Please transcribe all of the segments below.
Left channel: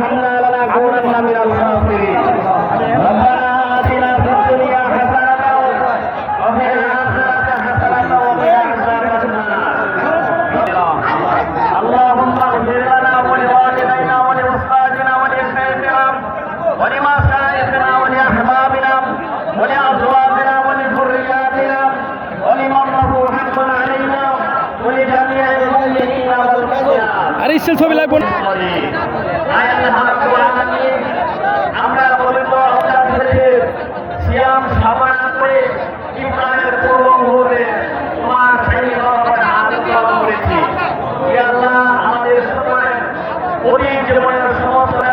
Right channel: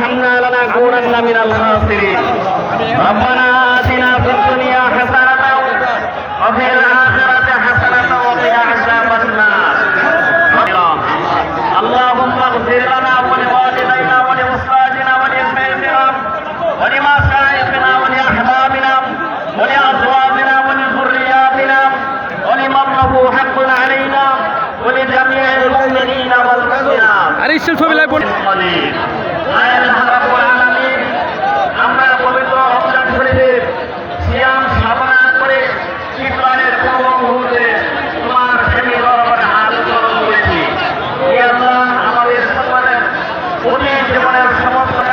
ارحمنا لنكونن من الخاسرين ربنا آتنا في الدنيا حسنة وفي الآخرة حسنة وقنا عذاب النار اللهم اغفر لنا ولوالدينا ولأستاذنا ولشيخنا ولمشايخنا ولأحبابنا ولأزواجنا ولذرياتنا ولمن له حق علينا ولجميع المؤمنين والمؤمنات আমরা পবিত্র রমজান শরীফের সিয়াম সাধনা করে ইরফানের পূর্ব মুহূর্তে তোমার প্রেমে দরবারে হাত পালন করেছি আমাদের জীবনের সমস্ত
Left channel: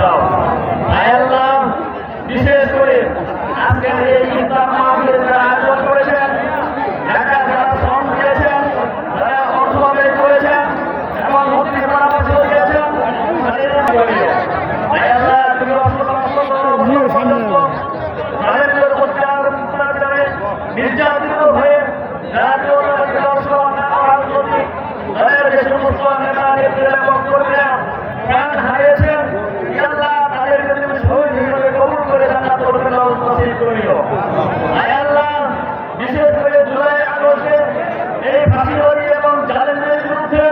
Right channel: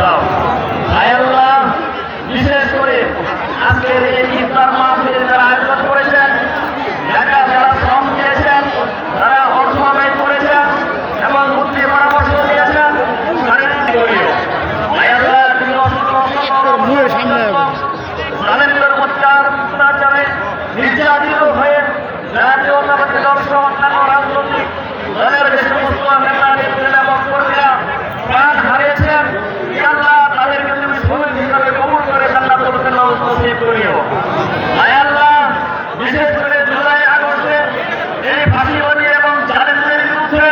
দাও। আল্লাহ বিশেষ করে আজকের এই ইফতার মাহফিলে যারা আয়োজন করেছেন যারা যারা শ্রম দিয়েছেন তারা অর্থ ব্যয় করেছেন এবং বুদ্ধি পরামর্শ দিয়েছেন তাদের জড়িয়ে আল্লাহ তুমি অসংখ্য অসংখ্য নরেন্দ্র অত্যাচারে নির্যাতিত হয়ে জাতীয়তাবাদী সহ অন্যান্য রাজনৈতিক দলের যে সমস্ত নেতা নেত্রী এবং কর্মীরা প্রাণ আল্লাহ তাদেরকে তুমি শহীদ হিসাবে কবুল করে জান্নাত করবেন নসিব করিও আয় আল্লাহ বিশেষ করে জুলাই আগস্টে এই ফাঁসিবাদী এবং চ্যালেঞ্জের বিরুদ্ধে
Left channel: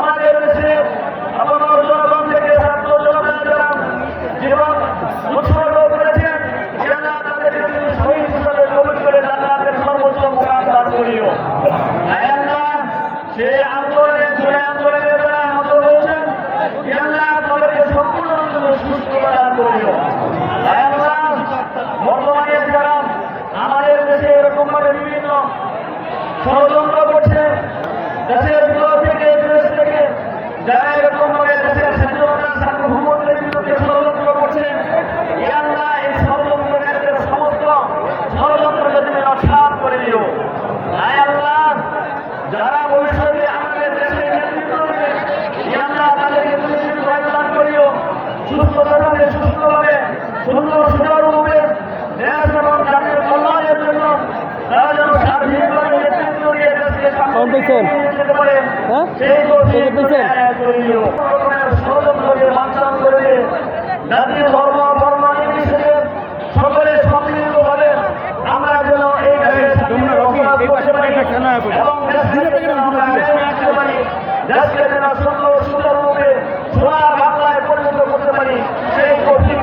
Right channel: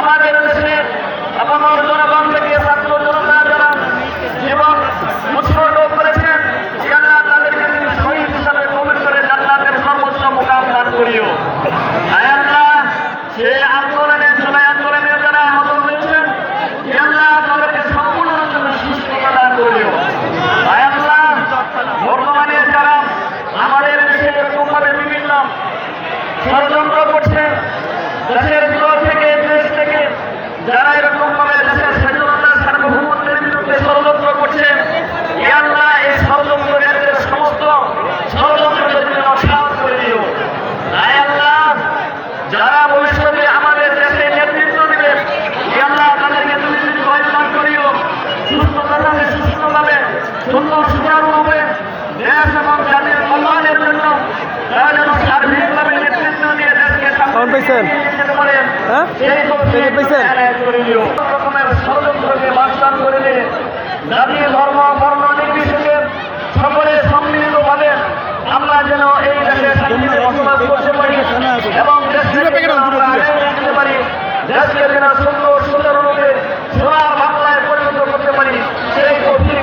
আমাদের দেশের আপনার জনগণ থেকে ছাত্র জনতা যারা জীবন উৎসর্গ করেছেন, আল্লাহ তাদেরকে তুমি শহীদ হিসাবে কবির করে জান্নাতের সর্বোচ্চ মুকাম দান করিও। সেই আন্দোলনে, জুলাই আন্দোলনে যারা আহত হয়েছেন, আল্লাহ তাদেরকে সম্পূর্ণরূপে সুস্থতা দান করিও। বর্তমানে যারা আমাদের দেশে এরকম ভাবে বিভিন্ন ষড়যন্ত্র করছে, দেশের ভিতর থেকে যারা এরকম ভাবে দেশের স্বাধীনতা সার্বভৌমত্বের বিরুদ্ধে ষড়যন্ত্র করছে এ আল্লাহ এই ষড়যন্ত্রকারীদের সমস্ত ষড়যন্ত্রের জন্য সাফ করে দিও আল্লাহ যারা ভবিষ্যতে আমাদের দেশে নেতৃত্ব দেবে এ আল্লাহ তাদেরকে তুমি দীর্ঘায়ু দান করিও সুস্থভাবে সুস্থভাবে সুন্দর সুচারুরূপে দেশ এবং জাতির কল্যাণের জন্য তারা যেন সার্বিকভাবে নেতৃত্ব দিয়ে দেশকে হ্যাঁ? পেয়েছেন? ষড়যন্ত্রকে বানচাল করে দিয়ে জাতীয় ধর্ম বর্ণ নির্বিশেষে সকলে সম্মিলিতভাবে আমরা যেন এই দেশে বসবাস করতে পারি এবং দেশকে যেন আমরা পারি। দেশকে যেন সুন্দর সুন্দররূপে সোনার বাংলায় পরিণত করতে পারি। সেই তৌফিক